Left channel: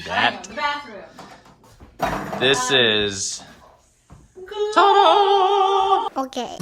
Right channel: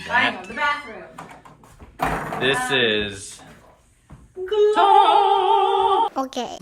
see I know, that. the bathroom. This is... Okay.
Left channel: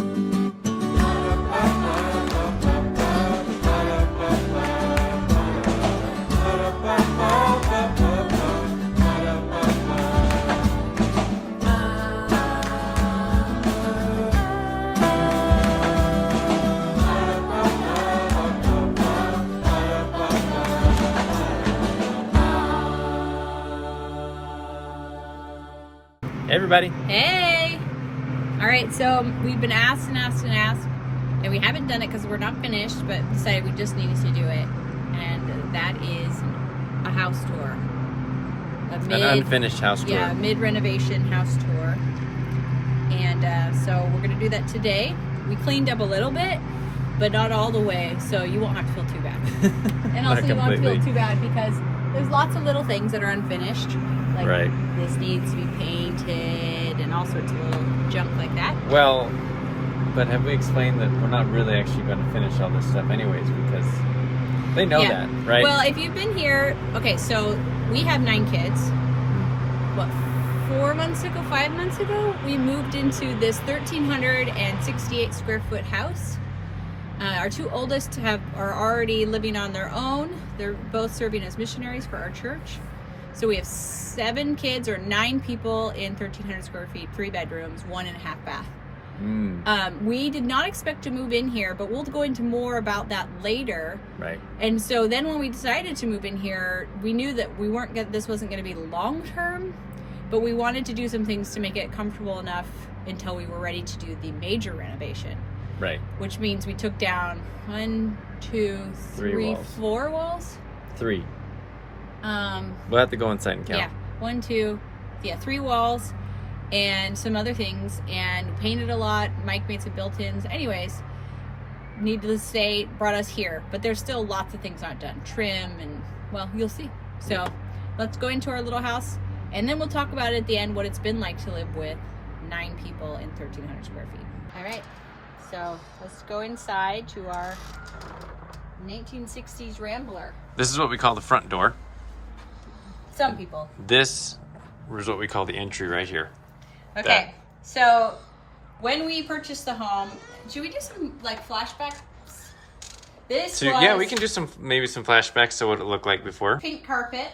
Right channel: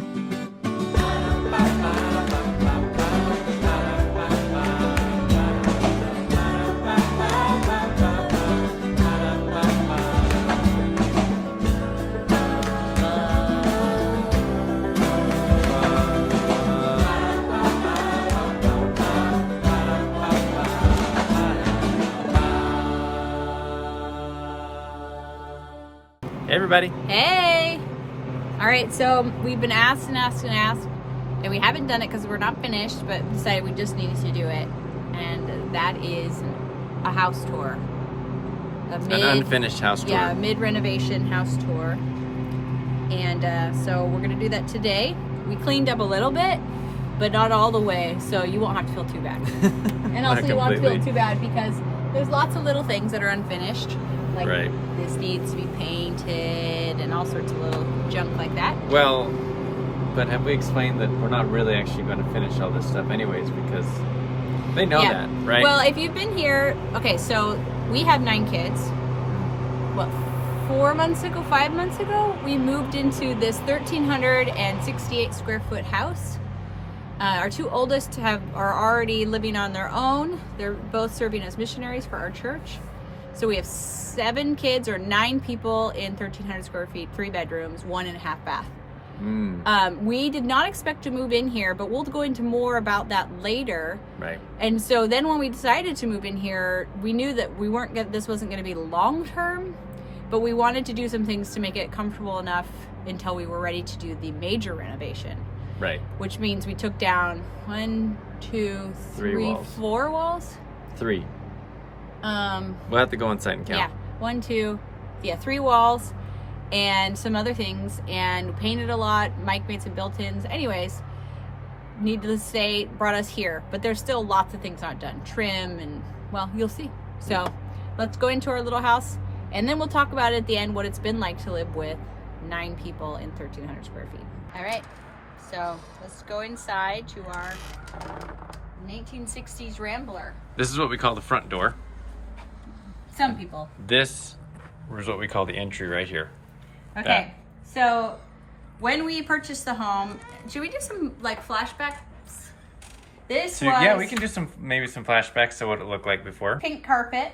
Hey, everybody. Hey! All right, so we've been asked and asked and asked, and we haven't done it because we're not finished, but we decided we just needed to do it. And that is a house tour. An unfinished house tour. Yeah, a mid-renovation house tour. And so we're going to do that today. We cleaned up a little bit, but not all the way, so you won't have to feel too bad. And also you won't feel too bad because there's lots of little things that are unfinished. Like this needs to be painted and all sorts of little junk like that. Well, but have we explained that we're not really actually going to finish all this stuff anyways because they know that, right? Well, if you've been here, okay, so we have 9 kids. What, 5 months ago, we moved into this 1,368 square foot house. Our 2 oldest are already living on their own. They're both serving as missionaries for our church. So we have 7 kids or 9 people in 1,300 square feet, 3 bedrooms, 1.5 bath. We did not expect to move in here, but we'll go into more about that later. Right. And so then when we decided to move in here, we knew that this wasn't going to be long term, but we wanted to do some things to make it comfortable enough until we were ready to do the major renovation. Right. Which means we took down 1, 2, 3, walls. 4 walls. 3. We'll have to go inside and count. Yeah, 3 walls and some other things, and painted a lot. Mike made some built-ins. Anyways, needless to say, brought us here, but there's still lots of things not done. Trim and, well, you'll see. So let's go into our little house, and then we'll talk about it at the end, what it's been like to live with 9 people in 1,300 square feet. All right, so let's go inside to our 1960s Rambler. This is what we call the front door. Some people. This is what we call the entry right here. Okay, so when we purchased the home, should we do some like flashbacks? Yeah, we can do maybe some flashbacks to what it looked like before. Pink carpet.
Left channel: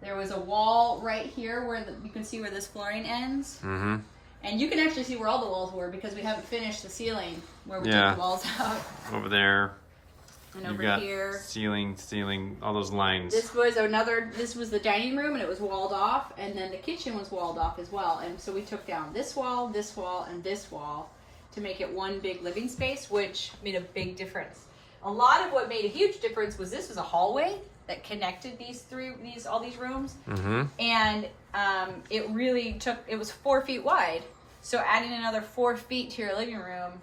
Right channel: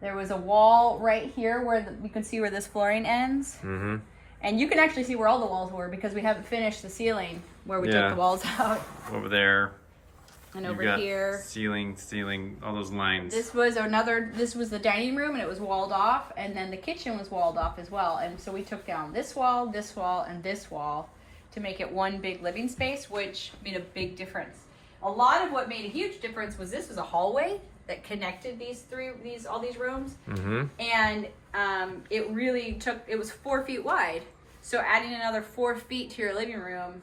There was a wall right here where you can see where this flooring ends. Mm-hmm. And you can actually see where all the walls were because we haven't finished the ceiling where we took the walls out. Over there. And You've over got here. Ceiling, all those lines. This was the dining room, and it was walled off, and then the kitchen was walled off as well. And so we took down this wall, and this wall to make it one big living space, which made a big difference. A lot of what made a huge difference was this was a hallway that connected all these rooms. Mm-hmm. And it was 4 feet wide. So adding another 4 feet to your living room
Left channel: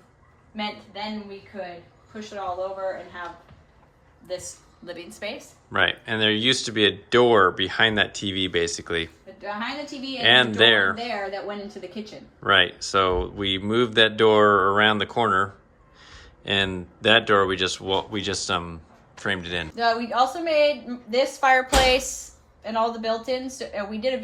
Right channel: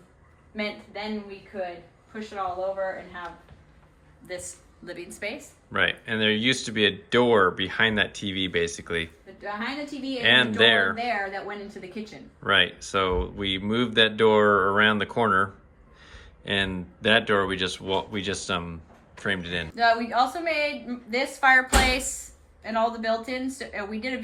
meant then we could push it all over and have this living space. Right, and there used to be a door behind that TV, basically. Behind the TV and a there door there that went into the kitchen. Right, so we moved that door around the corner, and that door we just framed it in. We also made this fireplace and all the built-ins. We did 2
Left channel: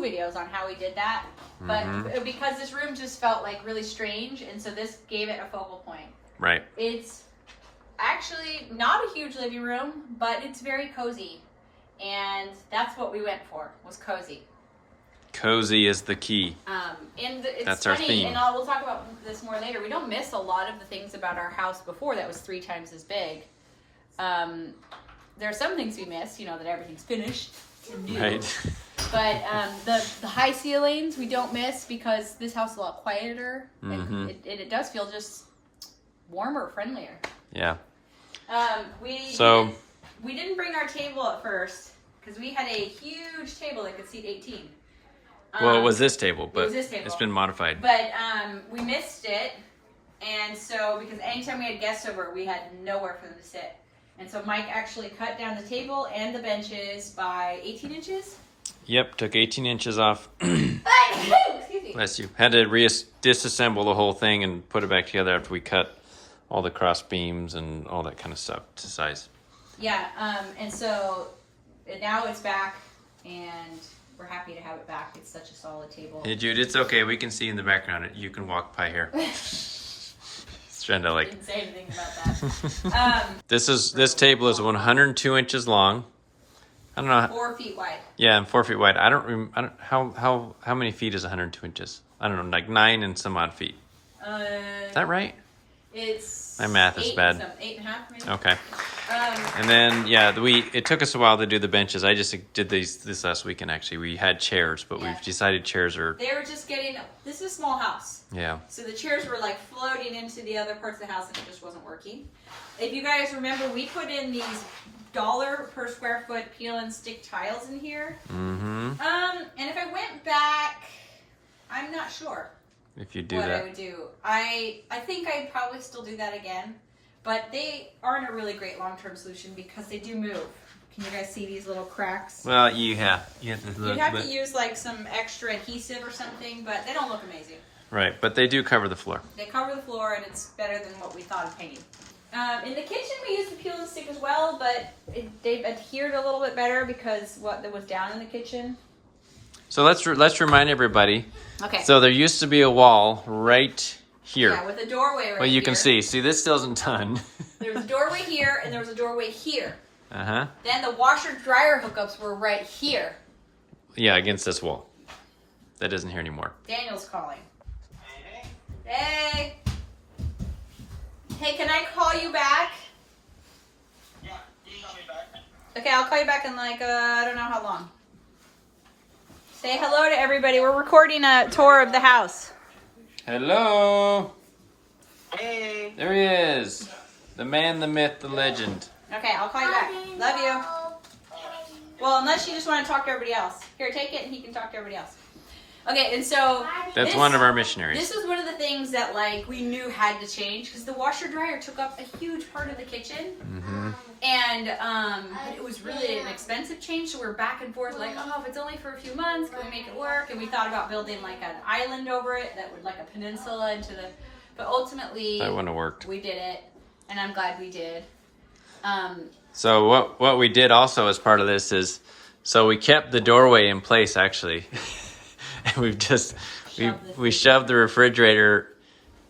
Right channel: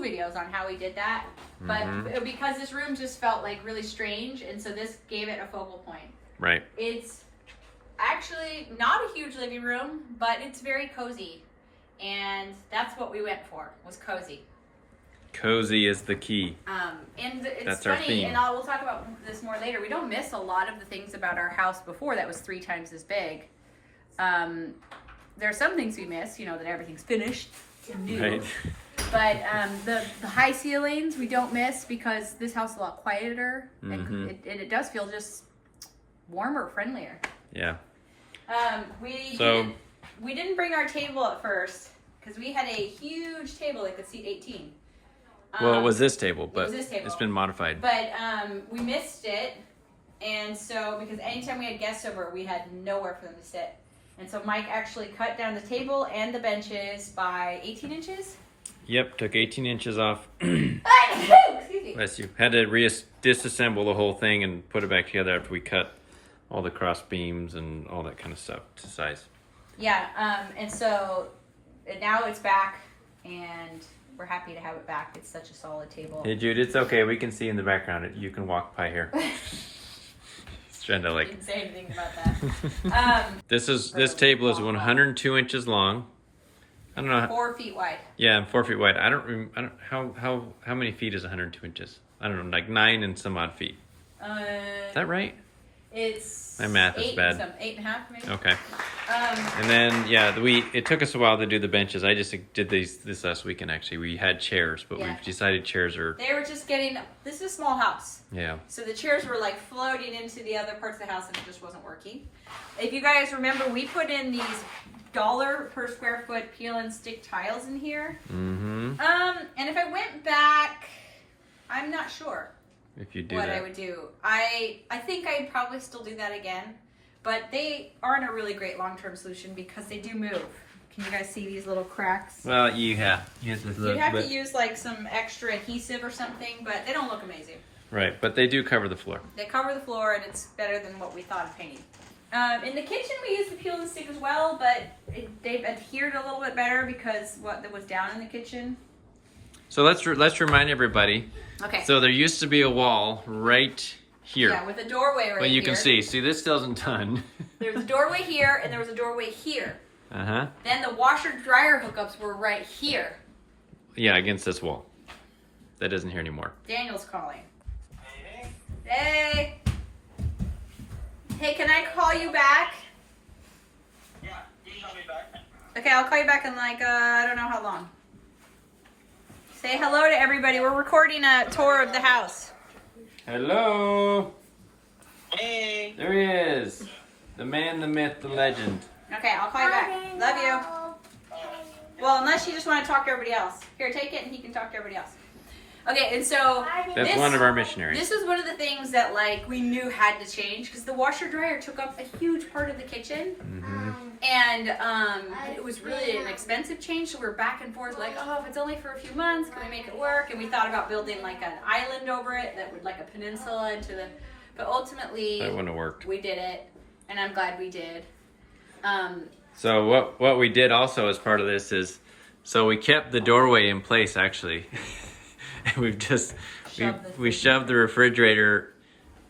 videos on how we did that, but because this room just felt like really strange, and so this gave it a focal point. Right. It's actually not a huge living room, but it's very cozy. And that's what we went for, was cozy. Cozy is the key. And it's that's funny, our theme. And we'll talk about this more later. We don't miss a lot of the things about our house before that was 3 times as big. There are some things we miss, that everything's finished. Right. But the high ceilings we don't miss because this house is a lot quieter. Mm-hmm. And it does feel just warmer, friendlier. Yeah. We didn't bring our table at first because we had a huge table that could seat 18. Well, it was this table, but it's been modified. But we missed it, and so because anytime we had guests over, we had nowhere for them to sit. And so Mike actually cut down the table and the benches by 18 inches. Yep, took 18 inches off. Excuse me. Bless you. Had to disassemble the whole thing and put it back together after we cut all the cross beams and all that kind of stuff to size. Yeah, and so now it's back, and we're happy to have it back. It's such a solid table. Hey Jude, it's okay. We can see in the background. You can walk by here. It's trying to like. Didn't say anything about that. This table is 102 inches long. I don't know. 4 feet wide. Yeah, and 4 feet wide. I don't how many feet is 102 inches? I don't know, like 9 and some odd feet. Is that right? It's my math is bad. 8.5 maybe. Okay. And then it took us a while to do the benches. I just did this last weekend actually. We had chairs, but we've decided chairs are. They were just getting. This is a small house. Yeah. So the chairs were like floating into the other parts of the house, and it just wasn't working. If you guys remember, we put in these $1 per square foot peel and stick tiles in here. Mm-hmm. And if I went back, I'm not sure. If you do what that. I would do. I think I'd probably still do that again, but they aren't a really great long-term solution because they do move. Can you guys see these little cracks? Well, you have to You'd have to use like some extra adhesive or something, but they don't look amazing. Right, but they do cover the floor. They cover the floor, and it's better than what we thought of painting. In the kitchen, we used the peel and stick as well, but they've adhered a little bit better because what was down in the kitchen. So let's remind everybody. Okay. So there used to be a wall right here. Yeah, with a doorway right here. Well, you can see. See, this still isn't done. There's a doorway here, and there was a doorway here. Uh-huh. Then the washer-dryer hookups were right here. Yeah, against this wall. That isn't here anymore. Daniel's calling. Hey. Hey, can I call you back? Yeah, can you call me back? Okay, I'll call you back in like, I don't know how long. Say hello to everybody. We're recording a tour of the house. Hello. Hey. There he is. The man, the myth, the legend. Okay, I'll call you back. Love you. Well, unless you just want to talk to everybody else. Here, take it and he can talk to everybody else. Okay, and so That's one of our missionaries. This is one of the things that like we knew had to change because the washer dryer took up a huge part of the kitchen, and it was really an expensive change. So we were back and forth like, oh, if it's only for a few months, can we make it work? And we thought about building like an island over it that would like a peninsula into the. But ultimately, that wouldn't have worked. We did it, and I'm glad we did. So what we did also as part of this is, so we kept the doorway in place actually. And we've just we shoved the refrigerator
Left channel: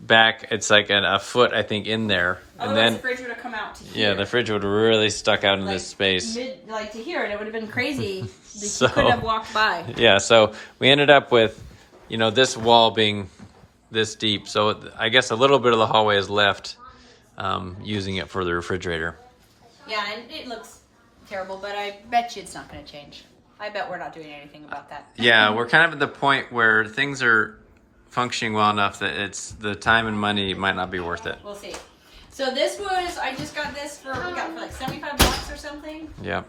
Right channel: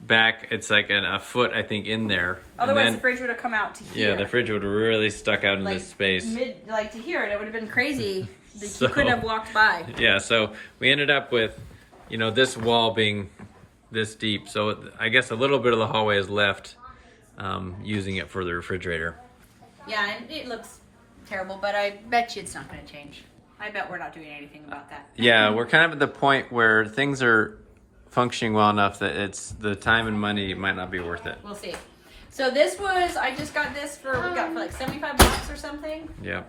back. It's like a foot, I think, in there. Otherwise, and then the fridge would have come out to here. Yeah, the fridge would have really stuck out in this space. Like to here, and it would have been crazy. So, you couldn't have walked by. Yeah, so we ended up with, this wall being this deep. So I guess a little bit of the hallway is left, using it for the refrigerator. Yeah, and it looks terrible, but I bet you it's not going to change. I bet we're not doing anything about that. Yeah, we're kind of at the point where things are functioning well enough that it's the time and money might not be worth it. We'll see. So this was, I just got this for like $75 or something. Yeah.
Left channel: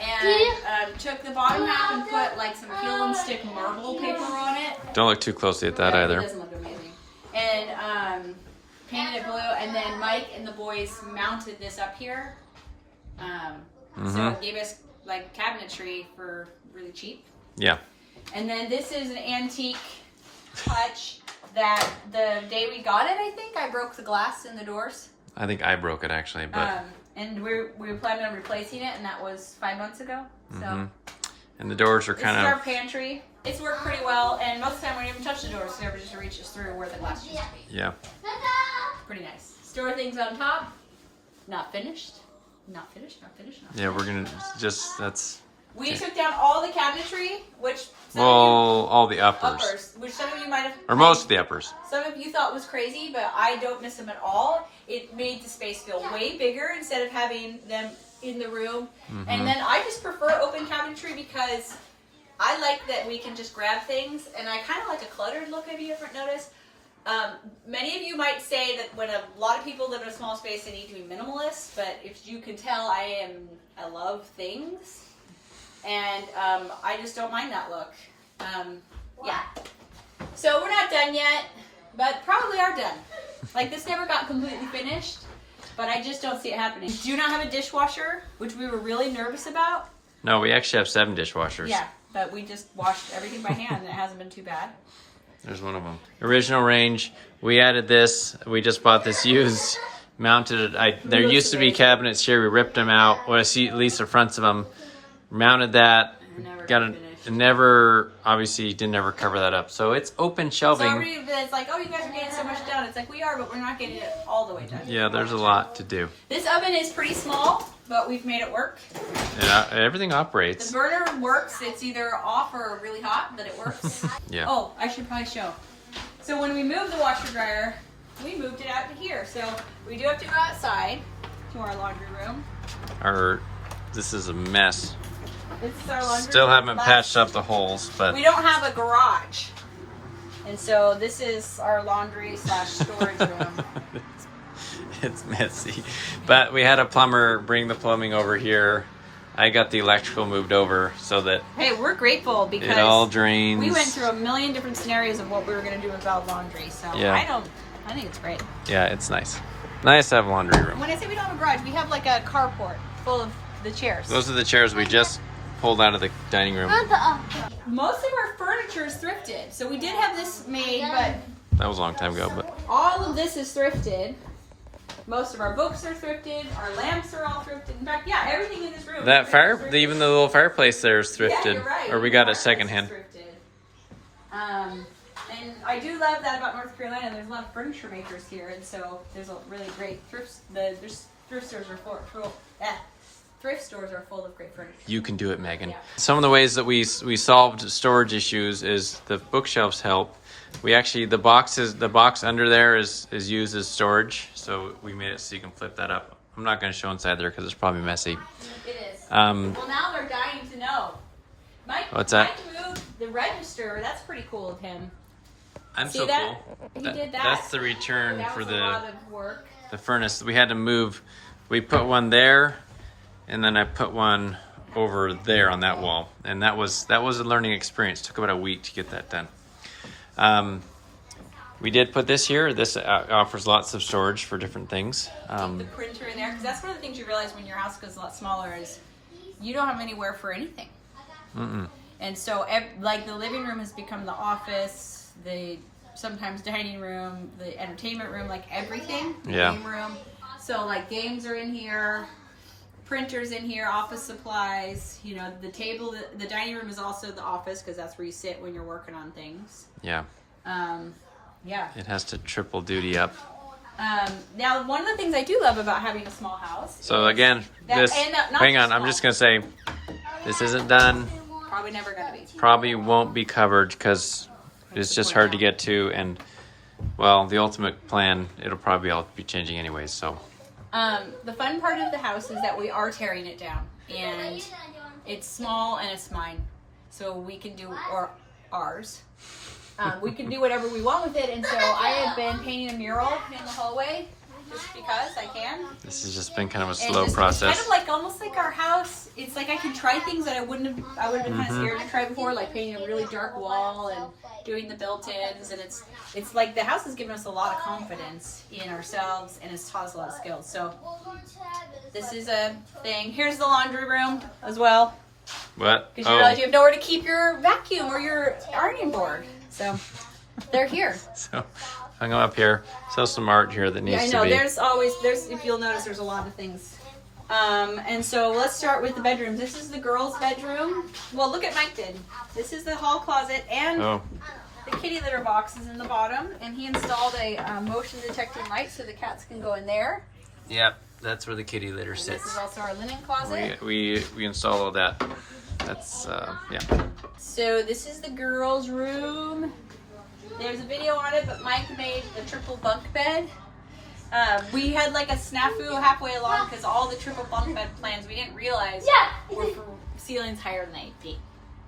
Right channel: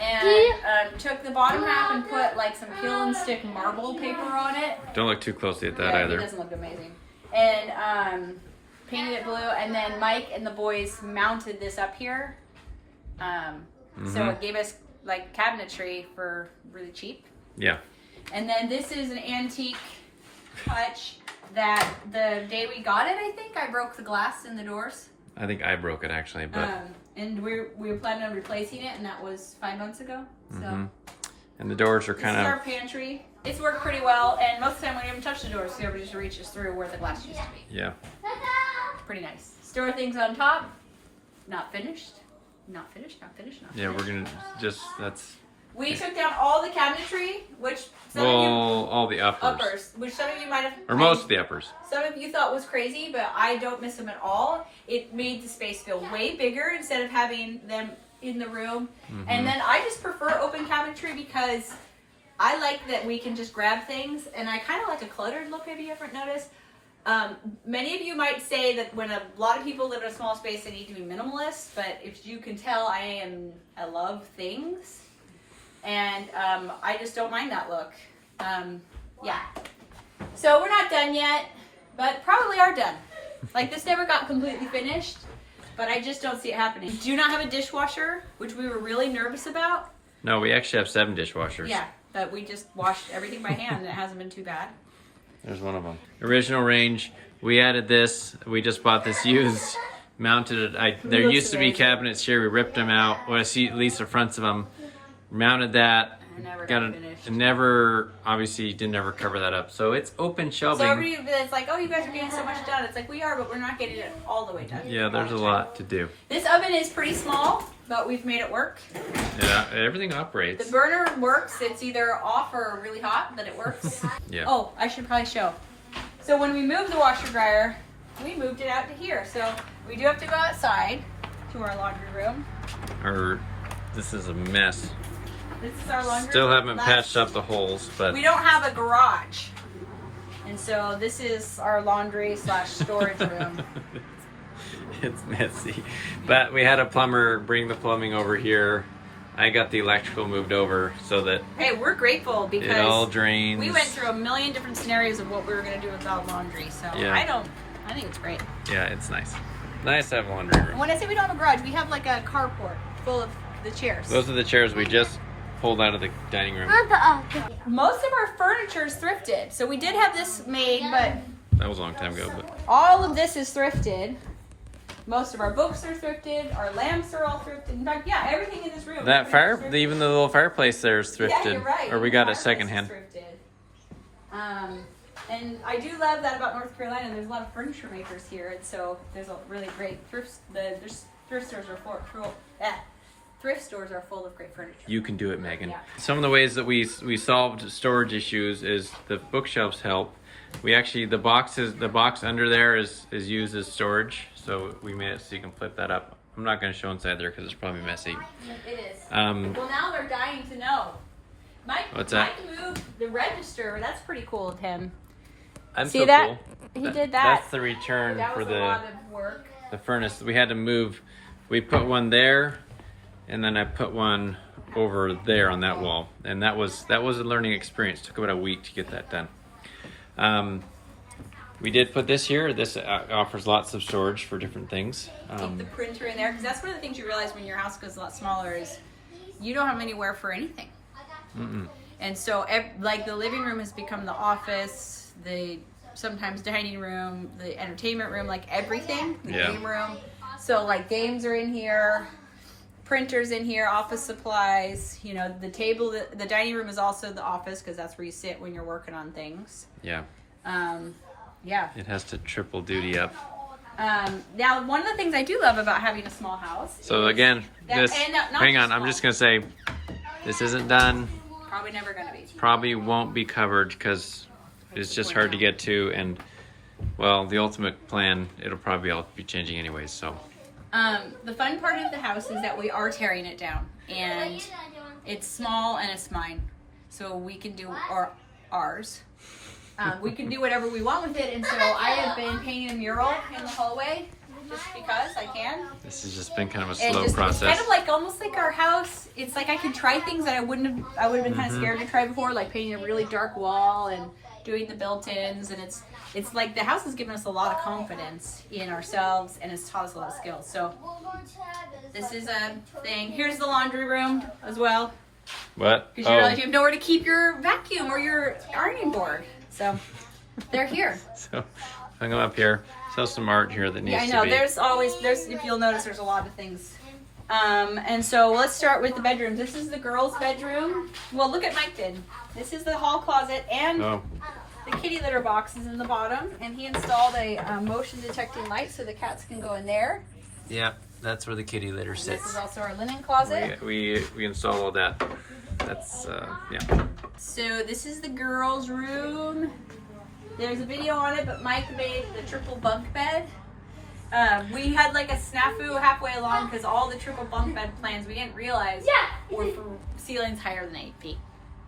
And took the bottom half and put like some peel and stick marble paper on it. Don't look too closely at that either. It doesn't look amazing. And painted it blue, and then Mike and the boys mounted this up here. So it gave us like cabinetry for really cheap. Yeah. And then this is an antique hutch that the day we got it, I think I broke the glass in the doors. I think I broke it actually, but and we were planning on replacing it, and that was 5 months ago. So and the doors are kind this is of our pantry. It's worked pretty well, and most of the time we don't even touch the doors, so everybody just reaches through where the glass used to be. Yeah. Pretty nice. Store things on top. Not finished. Not finished. Not finished. Not finished. Yeah, we're gonna that's. We took down all the cabinetry, which some all the uppers, which some of you might have, or most of the uppers. Some of you thought was crazy, but I don't miss them at all. It made the space feel way bigger instead of having them in the room. And then I just prefer open cabinetry because I like that we can just grab things, and I kind of like a cluttered look. If you haven't noticed, many of you might say that when a lot of people live in a small space, they need to be minimalist. But if you can tell, I love things. And I just don't mind that look. Yeah. So we're not done yet, but probably are done. Like this never got completely finished, but I just don't see it happening. Do not have a dishwasher, which we were really nervous about. No, we actually have 7 dishwashers. Yeah, but we just washed everything by hand, and it hasn't been too bad. There's one of them. Original range. We added this. We just bought this used, mounted it. There used to be cabinets here. We ripped them out. Well, I see at least the fronts of them. mounted that. Never Got it. finished. Never, obviously, didn't ever cover that up. So it's open So shelving. everybody that's like, oh, you guys are getting so much done. It's like, we are, but we're not getting it all the way done. Yeah, there's a lot to do. This oven is pretty small, but we've made it work. Yeah, everything The operates. burner works. It's either off or really hot, but it works. Yeah. Oh, I should probably show. So when we moved the washer dryer, we moved it out to here. So we do have to go outside to our laundry room. This is a mess. This is our laundry Still room. haven't patched up the holes, but We don't have a garage. And so this is our laundry / storage room. it's messy. But we had a plumber bring the plumbing over here. I got the electrical moved over so that Hey, we're grateful because it all drains. we went through a million different scenarios of what we were going to do without laundry. So Yeah. I think it's great. Yeah, it's nice. Nice to have a laundry room. When I say we don't have a garage, we have like a carport full of the chairs. Those are the chairs we just pulled out of the dining room. Most of our furniture is thrifted. So we did have this made, but That was a long time ago, but all of this is thrifted. Most of our books are thrifted. Our lamps are all thrifted. In fact, yeah, everything in this room. that is fire, thrifted. even the little fireplace there is thrifted, Yeah, you're right. or we got The it fireplace secondhand. is thrifted. And I do love that about North Carolina. There's a lot of furniture makers here, and so there's a really great thrift stores are thrift stores are full of great furniture. You can do it, Megan. Yeah. Some of the ways that we solved storage issues is the bookshelves help. We actually the box under there is used as storage, so we made it so you can flip that up. I'm not going to show inside there because it's probably messy. It is. Well, Now they're dying to know. What's that? Mike moved the register. That's pretty cool of him. I'm See so that? cool. He did that. That's the return That for was a lot of work. the furnace. We had to move. We put one there, and then I put one over there on that wall, and that was a learning experience. Took about a week to get that done. We did put this here. This offers lots of storage for different things. Keep the printer in there, because that's one of the things you realize when your house goes a lot smaller is you don't have anywhere for anything. And so, like, the living room has become the office, the sometimes dining room, the entertainment room, like everything. The game room. So, like, games are in here, printers in here, office supplies. You know, the table, the dining room is also the office because that's where you sit when you're working on things. Yeah. Yeah. It has to triple duty up. Now, one of the things I do love about having a small house. So again, hang on, I'm just gonna say, this isn't done. Probably never gonna be. Probably won't be covered because it's just hard to get to, and well, the ultimate plan, it'll probably all be changing anyways. So. The fun part of the house is that we are tearing it down, and it's small and it's mine, so we can do ours. We can do whatever we want with it, and so I have been painting a mural in the hallway just because I can. This has just been kind of a And slow it's process. kind of like almost like our house. It's like I can try things that I would have been kind of scared to try before, like painting a really dark wall and doing the built-ins, and it's like the house has given us a lot of confidence in ourselves, and it's taught us a lot of skills. So this is a thing. Here's the laundry room as well, What? because you realize you have nowhere to keep your vacuum or your ironing board. So they're here. So hung them up here. So some art here that needs I know. to be. There's if you'll notice, there's a lot of things. And so let's start with the bedrooms. This is the girls' bedroom. Well, look at Mike did. This is the hall closet and the kitty litter box is in the bottom. And he installed a motion detecting light so the cats can go in there. Yep, that's where the kitty litter This sits. is also our linen closet. We installed all that. That's yeah. So this is the girls' room. There's a video on it, but Mike made the triple bunk bed. We had like a snafu halfway along because all the triple bunk bed plans we didn't realize were for ceilings higher than 8 feet.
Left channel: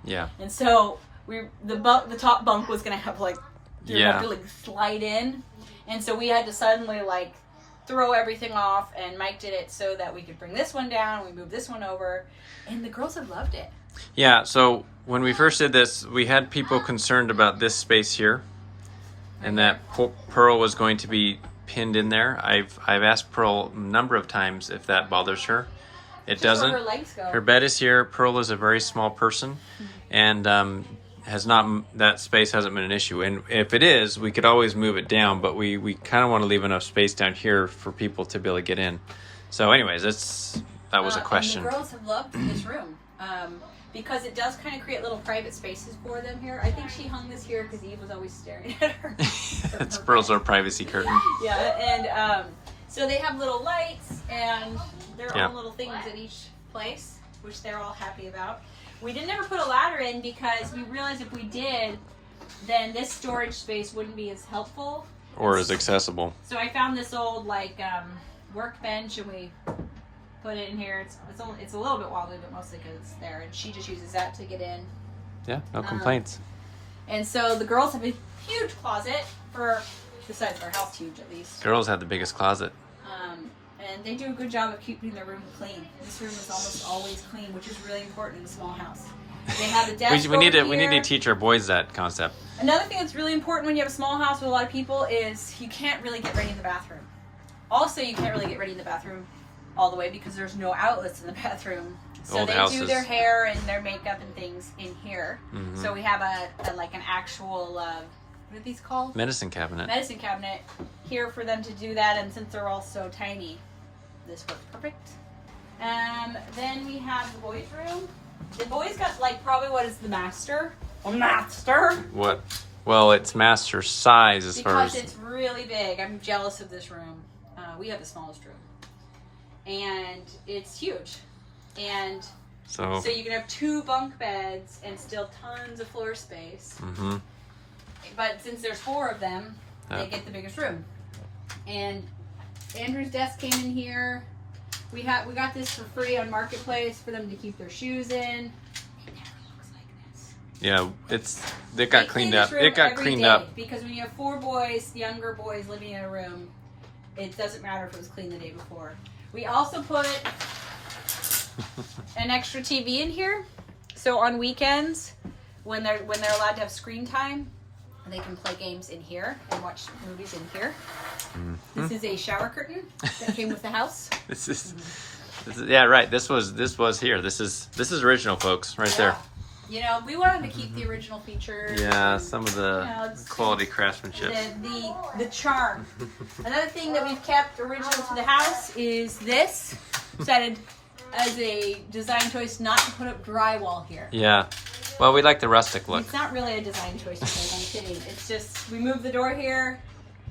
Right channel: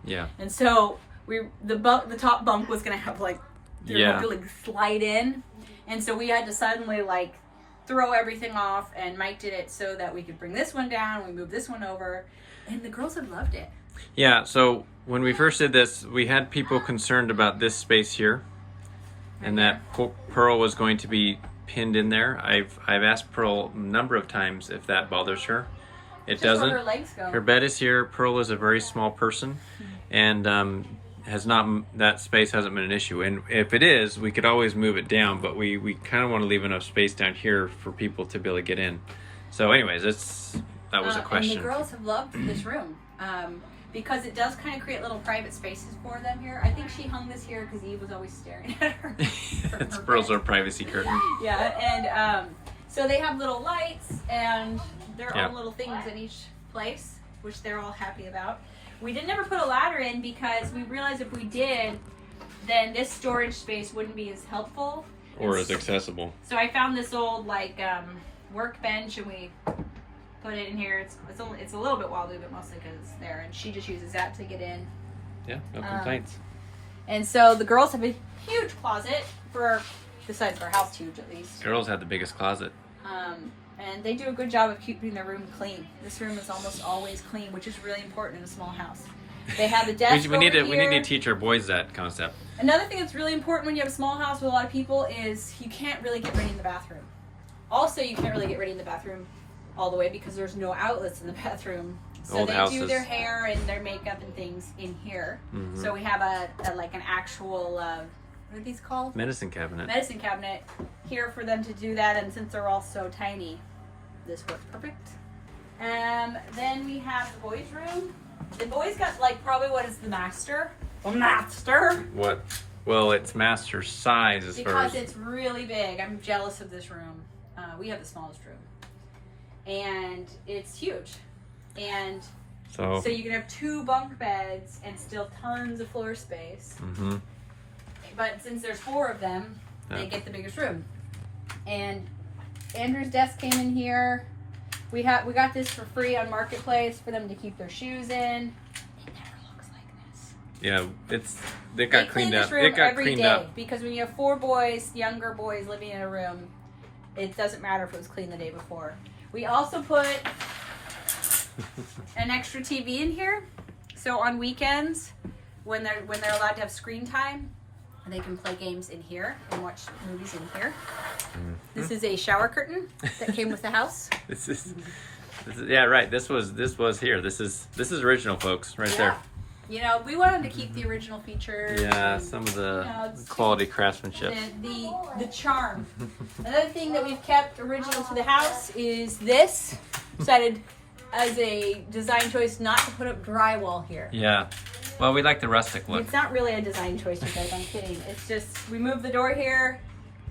Yeah. And so the top bunk was gonna have like have to like slide in, and so we had to suddenly like throw everything off. And Mike did it so that we could bring this one down. We moved this one over, and the girls have loved it. Yeah, so when we first did this, we had people concerned about this space here, and that Pearl was going to be pinned in there. I've asked Pearl a number of times if that bothers her. It Just where doesn't. her legs go. Her bed is here. Pearl is a very small person, and that space hasn't been an issue. And if it is, we could always move it down, but we kind of want to leave enough space down here for people to be able to get in. So anyways, that was a question. And the girls have loved this room. because it does kind of create little private spaces for them here. I think she hung this here because Eve was always staring at her. It's Pearl's little privacy curtain. Yeah, and so they have little lights and their own little things in each place, which they're all happy about. We didn't ever put a ladder in because we realized if we did, then this storage space wouldn't be as helpful. Or as accessible. So I found this old workbench and we put it in here. It's a little bit wobbly, but mostly because it's there. And she just uses that to get in. Yeah, no complaints. And so the girls have a huge closet besides our house huge at least. Girls have the biggest closet. And they do a good job of keeping their room clean. This room is almost always clean, which is really important in a small house. They have a desk we need over to here. teach our boys that concept. Another thing that's really important when you have a small house with a lot of people is you can't really get ready in the bathroom. Also, you can't really get ready in the bathroom all the way because there's no outlets in the bathroom. So Old they houses. do their hair and their makeup and things in here. Mm-hmm. So we have an actual what are these called? Medicine cabinet. Medicine cabinet here for them to do that. And since they're all so tiny, this works perfect. Then we have the boys' room. The boys got probably what is the master. A master. What? Well, it's master size as far Because as... it's really big. I'm jealous of this room. We have the smallest room. And it's huge. And So you can have 2 bunk beds and still tons of floor space. Mm-hmm. But since there's 4 of them, Yeah. they get the biggest room. And Andrew's desk came in here. We got this for free on Marketplace for them to keep their shoes in. It never looks like this. Yeah, it got They clean cleaned this up. room It got every cleaned day, up. because when you have 4 boys, younger boys living in a room, it doesn't matter if it was clean the day before. We also put an extra TV in here, so on weekends when they're allowed to have screen time, they can play games in here and watch movies in here. Mm-hmm. This is a shower curtain that came with the house. This is yeah, right. This was here. This is original, folks, right there. You know, we wanted to keep the original features. Yeah, and, some of the it's quality craftsmanship. the charm. Another thing that we've kept original to the house is this. Decided as a design choice not to put up drywall here. Yeah. Well, we like the rustic look. It's not really a design choice, you guys. I'm kidding. It's just we moved the door here,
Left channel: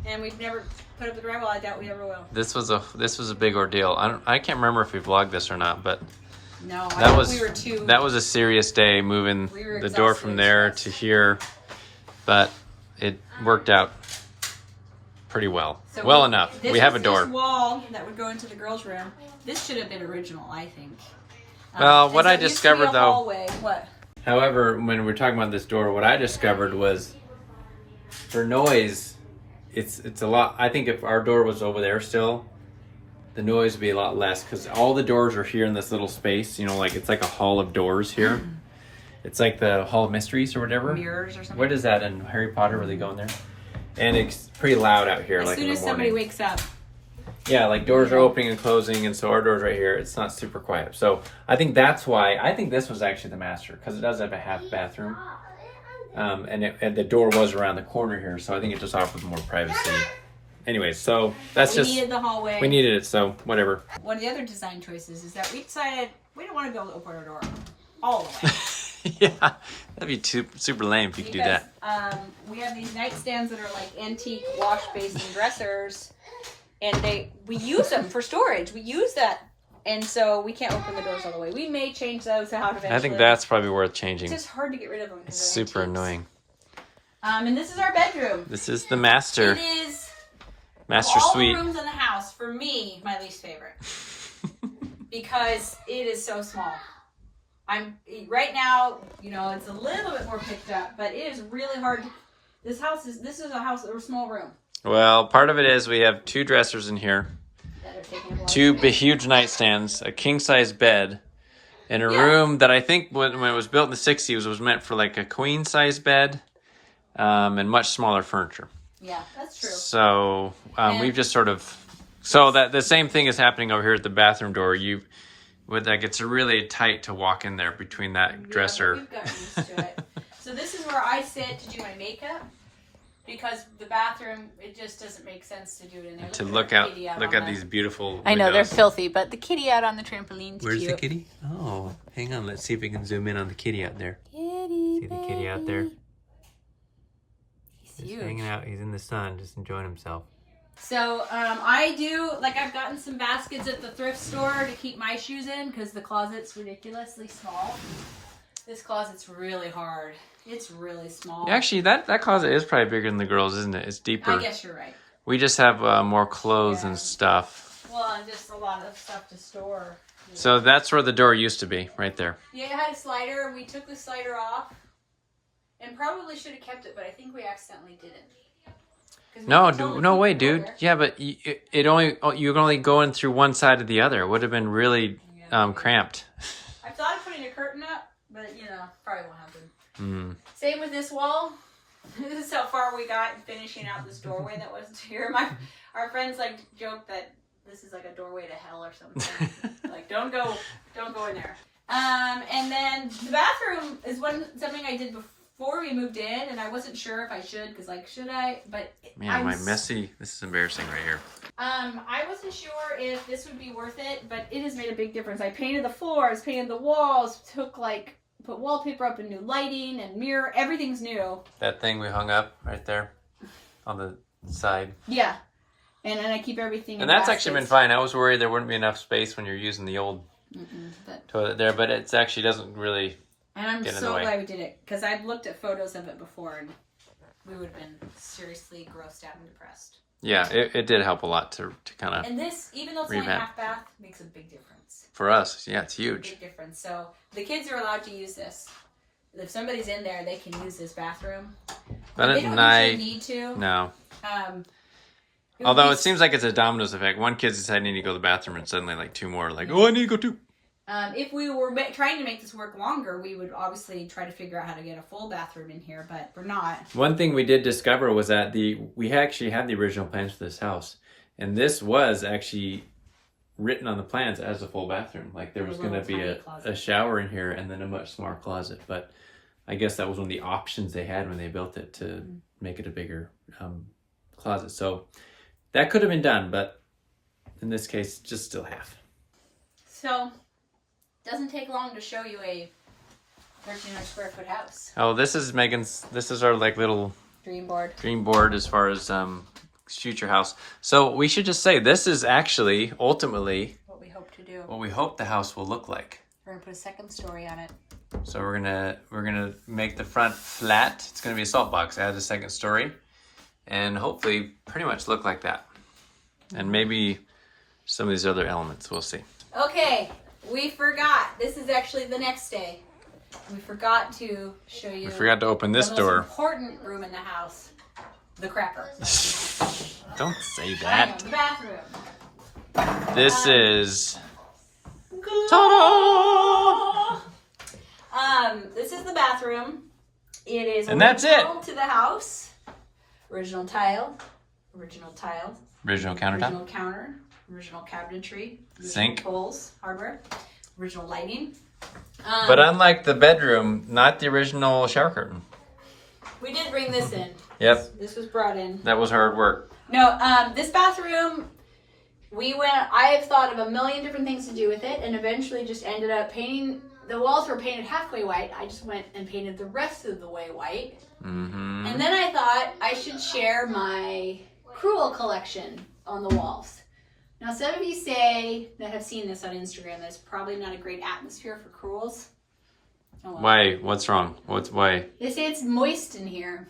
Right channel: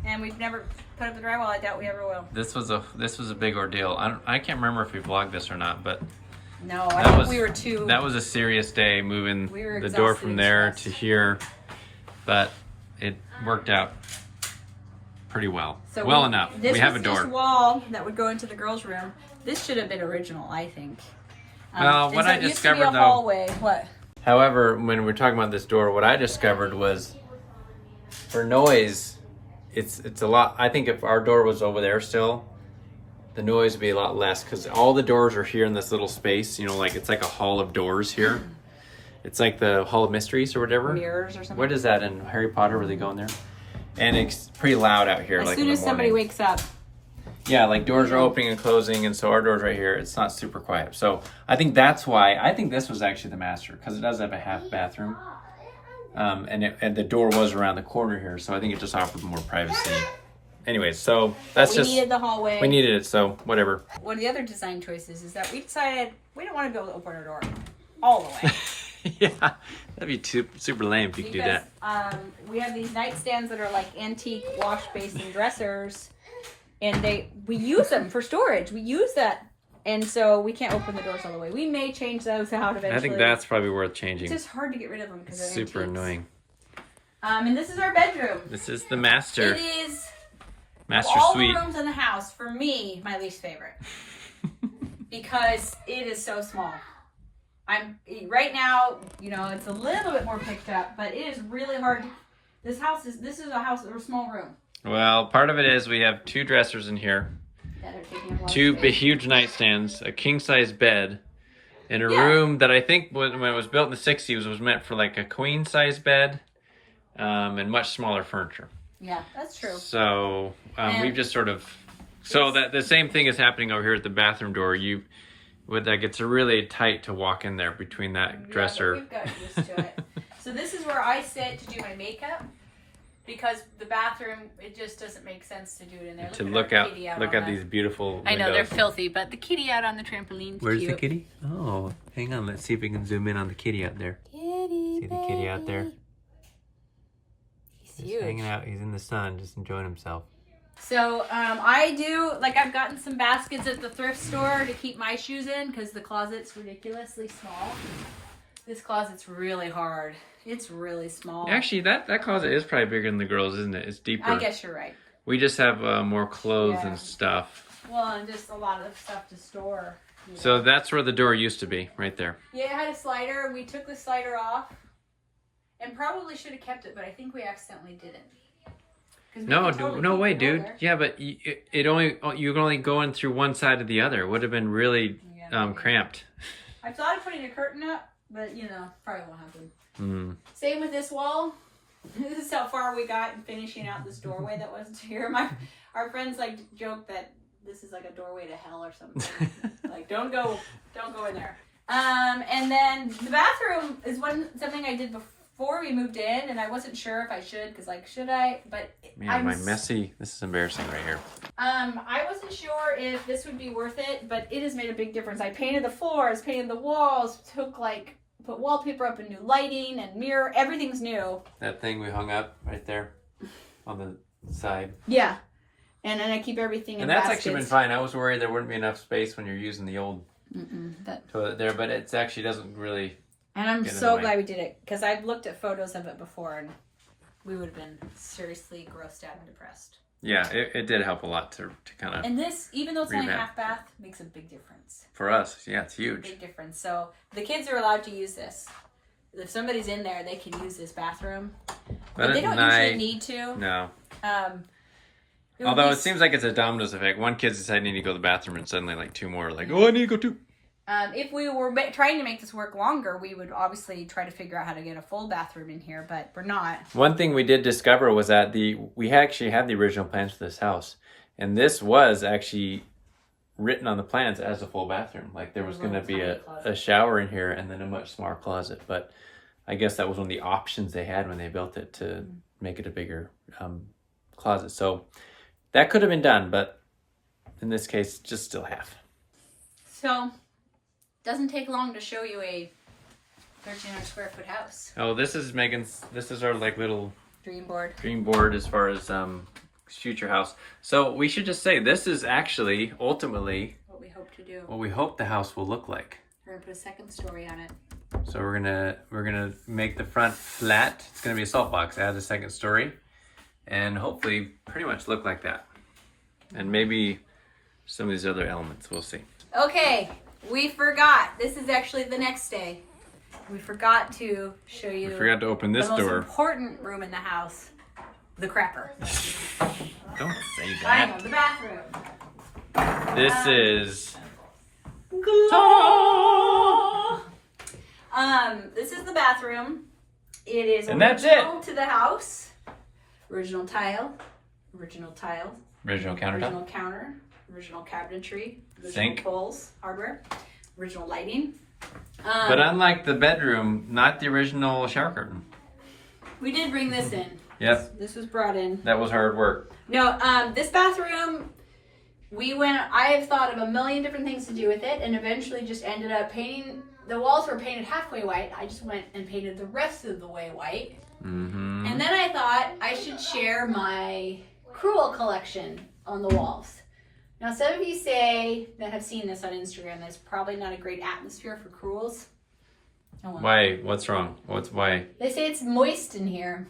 and we've never put up the drywall. I doubt we ever will. This was a big ordeal. I can't remember if we vlogged this or not, but No, I think we were too. that was a serious day moving We were the door from there exhausted. to here, but it worked out pretty well. So well enough. This We have a was door. This wall that would go into the girls' room. This should have been original, I think. Well, and what so I it used to be discovered, a though- hallway. What? However, when we're talking about this door, what I discovered was for noise, it's a lot. I think if our door was over there still, the noise would be a lot less because all the doors are here in this little space. You know, like it's like a hall of doors here. It's like the Hall of Mysteries or whatever. Mirrors or something. What is that in Harry Potter where they go in there? And it's pretty loud out here, As like soon in the as somebody morning. wakes up. Yeah, like doors are opening and closing, and so our door's right here. It's not super quiet. So I think that's why. I think this was actually the master because it does have a half bathroom, and the door was around the corner here. So I think it just offered more privacy. Anyways, so that's We needed the hallway. we needed it. So whatever. One of the other design choices is that we decided we don't want to be able to open our door all the way. Yeah, that'd be super lame if you could do that. We have these nightstands that are like antique wash basin dressers, and we use them for storage. We use that, and so we can't open the doors all the way. We may change those out eventually. I think that's probably worth It's changing. just hard to get rid of them. It's 'cause they're super antiques. annoying. And this is our bedroom. This is the master It is master all suite. the rooms in the house, for me, my least favorite. Because it is so small. Right now, you know, it's a little bit more picked up, but it is really hard. This is a house or a small room. Well, part of it is we have 2 dressers in here, that are taking up a lot of 2 space. huge nightstands, a king-size bed, and a Yeah. room that I think when it was built in the 60s was meant for like a queen-size bed, and much smaller furniture. Yeah, that's true. So And- we've just sort of that the same thing is happening over here at the bathroom door. It's really tight to walk in there between that Yeah, dresser. but we've gotten used to it. So this is where I sit to do my makeup. because the bathroom, it just doesn't make sense to do it in there. To at look our out, kitty look on at these beautiful windows. I know they're filthy, but the kitty out on the trampoline's Where's cute. the kitty? Oh, hang on. Let's see if we can zoom in on the kitty out there. Kitty, See the kitty out there? He's Just huge. hanging out. He's in the sun, just enjoying himself. So I do, like, I've gotten some baskets at the thrift store to keep my shoes in because the closet's ridiculously small. This closet's really hard. It's really small. Actually, that closet is probably bigger than the girls, isn't it? It's deeper. I guess you're right. We just have more clothes Yeah. and stuff. Well, and just a lot of stuff to store. So that's where the door used to be, right there. Yeah, it had a slider. We took the slider off and probably should have kept it, but I think we accidentally didn't. No way, dude. Yeah, but you can only go in through one side or the other. It would have been really cramped. I thought of putting a curtain up, but probably won't happen. Mm. Same with this wall. This is how far we got in finishing out this doorway that wasn't here. Our friends joke that this is like a doorway to hell or something. Like, don't go in there. And then the bathroom is something I did before we moved in, and I wasn't sure if I should, because should I? But Man, this is embarrassing right here. I wasn't sure if this would be worth it, but it has made a big difference. I painted the floors, painted the walls, put wallpaper up and new lighting and mirror. Everything's new. That thing we hung up right there on the side. Yeah. And then I keep everything in And that's baskets. actually been fine. I was worried there wouldn't be enough space when you're using the old toilet there, but it actually doesn't really. And I'm get in so the way. glad we did it, because I've looked at photos of it before and we would have been seriously grossed out and depressed. Yeah, it did help a lot to kind of. And this, even though it's only a Revamp. half bath, makes a big difference. For us, yeah, it's huge. Big difference. So the kids are allowed to use this. If somebody's in there, they can use this bathroom. But they don't usually need to. No. Would Although be it seems like it's a dominoes effect. One kid's deciding they need to go to the bathroom, and suddenly two more are like, oh, I need to go too. If we were trying to make this work longer, we would obviously try to figure out how to get a full bathroom in here, but we're not. One thing we did discover was that we actually had the original plans for this house, and this was actually written on the plans as a full bathroom. Like there was going to be a shower in here and then a much smaller closet. But I guess that was one of the options they had when they built it to make it a bigger closet. So that could have been done, but in this case, just still half. So, doesn't take long to show you a 1,300 square foot house. Oh, this is Megan's. This is our little Dream board. dream board as far as future house. So we should just say this is actually ultimately What we hope to do. what we hope the house will look like. We're gonna put a second story on it. So we're gonna make the front flat. It's gonna be a salt box. Add a second story, and hopefully pretty much look like that. And maybe some of these other elements. We'll see. Okay, we forgot. This is actually the next day. We forgot to show you. We forgot to open this the door. most important room in the house, the crapper. Don't say I know, that. the bathroom. This is. This is the bathroom. It is And that's original to the house. Original tile. Original tile. Original countertop. Original counter. Original cabinetry. Original Sink. bowls. Hardware. Original lighting. But unlike the bedroom, not the original shower curtain. We did bring this in. Yep, This was brought in. that was hard work. No, this bathroom, I have thought of a million different things to do with it, and eventually just ended up painting. The walls were painted halfway white. I just went and painted the rest of the way white. Mm-hmm. And then I thought I should share my Cruel collection on the walls. Now, some of you say that have seen this on Instagram, that's probably not a great atmosphere for Cruels. Oh, well. Why? What's wrong? Why? They say it's moist in here.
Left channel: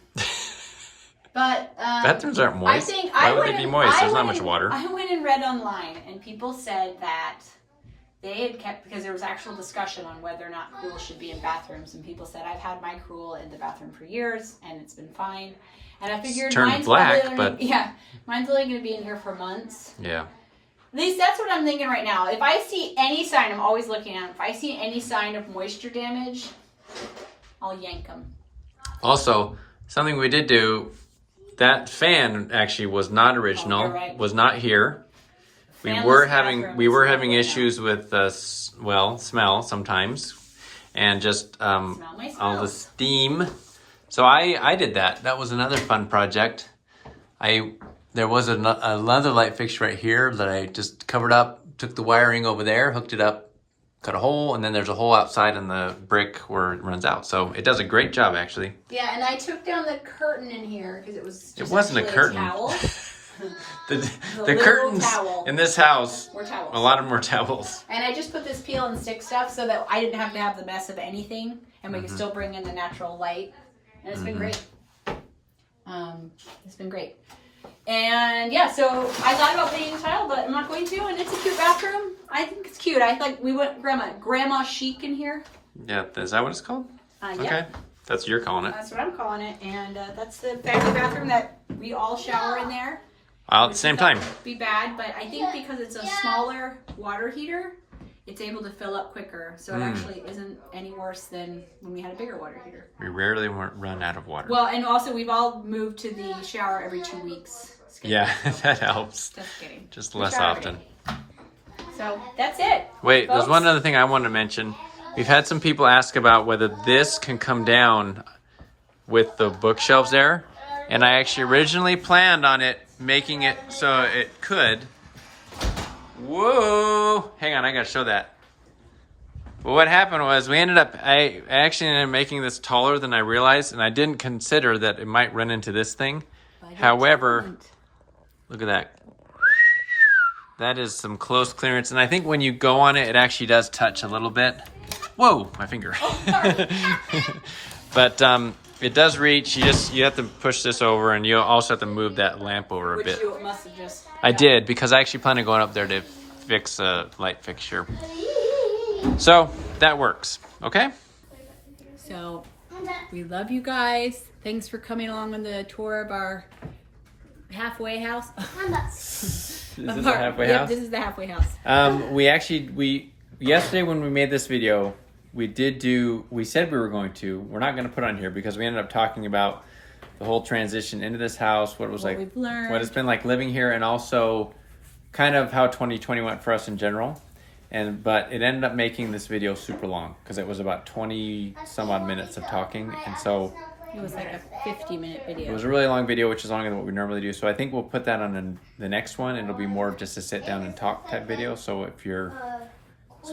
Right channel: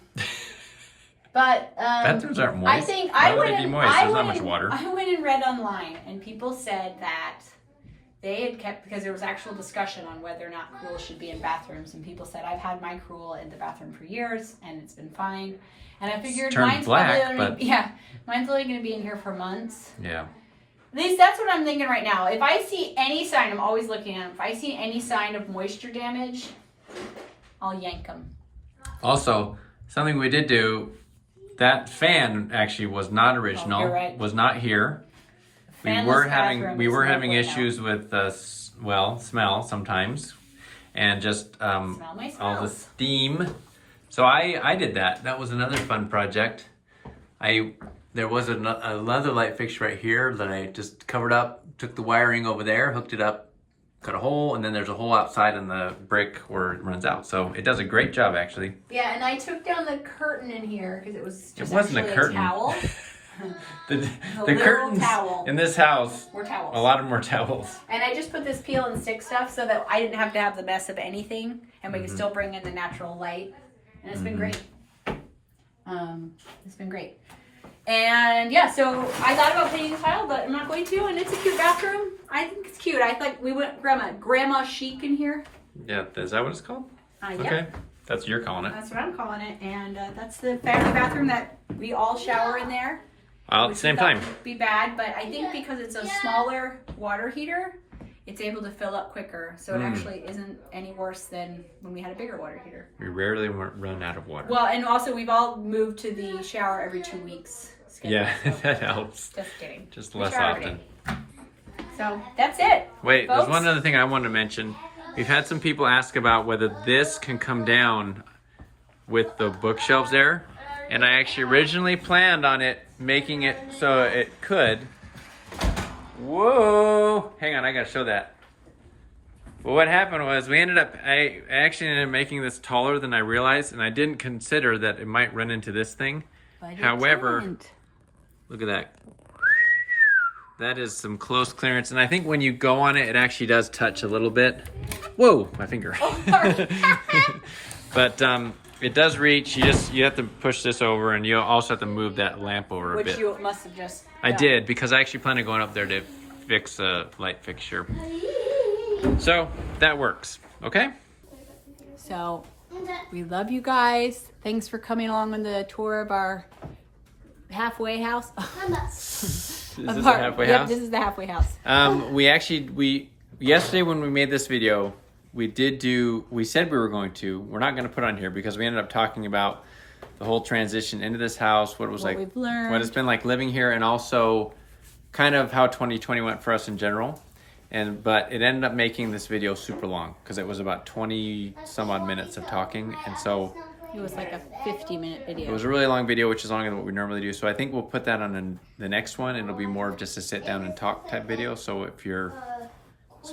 But Bathrooms aren't moist. I think Why would they be moist? There's not much water. I went and read online, and people said that they had kept, because there was actual discussion on whether or not Cruel should be in bathrooms, and people said, I've had my Cruel in the bathroom for years, and it's been fine. And I figured turned mine's black, probably but mine's only going to be in here for months. Yeah. At least that's what I'm thinking right now. If I see any sign, I'm always looking at them. If I see any sign of moisture damage, I'll yank them. Also, something we did do, that fan actually was not original. Oh, you're right. Was not here. We Fanless were bathroom having is not issues with smell sometimes, and just Smell my all the smells. steam So I did that. That was another fun project. There was another light fixture right here that I just covered up, took the wiring over there, hooked it up, cut a hole, and then there's a hole outside in the brick where it runs out. So it does a great job, actually. Yeah, and I took down the curtain in here because it was just It wasn't a curtain. towel. The curtains towel. in this house, More towels. a lot of more towels. And I just put this peel and stick stuff so that I didn't have to have the mess of anything, and we could still bring in the natural light. And it's been great. It's been great. And yeah, so I thought about painting the tile, but I'm not going to. And it's a cute bathroom. I think it's cute. I think we went grandma chic in here. Yeah, is that what it's called? Yeah. Okay, that's what you're calling it. That's what I'm calling it. And that's the family bathroom that we all shower in there. All at the same time. Would be bad, but I think because it's a smaller water heater, it's able to fill up quicker. So it actually isn't any worse than when we had a bigger water heater. We rarely run out of water. Well, and also we've all moved to the shower every 2 weeks. Yeah, that helps. Just kidding. Just less shower often. So that's it. Wait, folks. there's one other thing I wanted to mention. We've had some people ask about whether this can come down with the bookshelves there. And I actually originally planned on it making it so it could. Whoa! Hang on, I gotta show that. Well, what happened was I actually ended up making this taller than I realized, and I didn't consider that it might run into this thing. However, look at that. That is some close clearance, and I think when you go on it, it actually does touch a little bit. Whoa, my finger. But it does reach. You have to push this over, and you also have to move that lamp over a bit. Which you must have just. I did, because I actually plan on going up there to fix a light fixture. So that works. Okay. So we love you guys. Thanks for coming along on the tour of our halfway house. Is this a halfway house? This is the halfway house. We yesterday when we made this video, we said we were going to. We're not going to put on here because we ended up talking about the whole transition into this house, what it was like, we've learned. what it's been like living here, and also kind of how 2020 went for us in general. But it ended up making this video super long because it was about 20 some odd minutes of talking, and so It was like a 50-minute video. it was a really long video, which is longer than what we normally do. So I think we'll put that on the next one. It'll be more of just a sit down and talk type video. So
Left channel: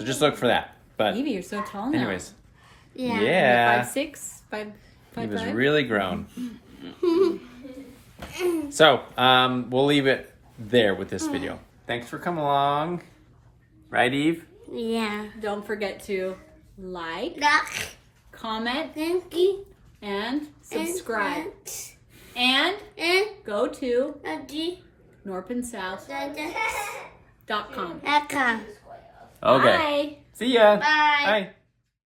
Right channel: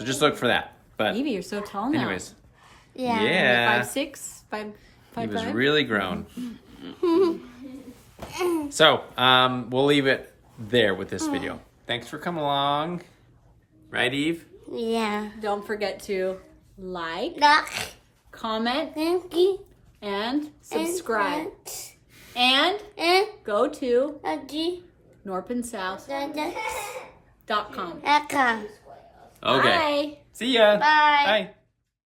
just look for that. But Evie, you're so tall now. anyways, Yeah. yeah, 5'6", 5'5". he was really grown. So we'll leave it there with this video. Thanks for coming along. Right, Eve? Yeah. Don't forget to like, comment, Thank you. and subscribe. And And go to Auntie, norpandsouth.com. Becca. Okay. Bye. See ya. Bye. Bye.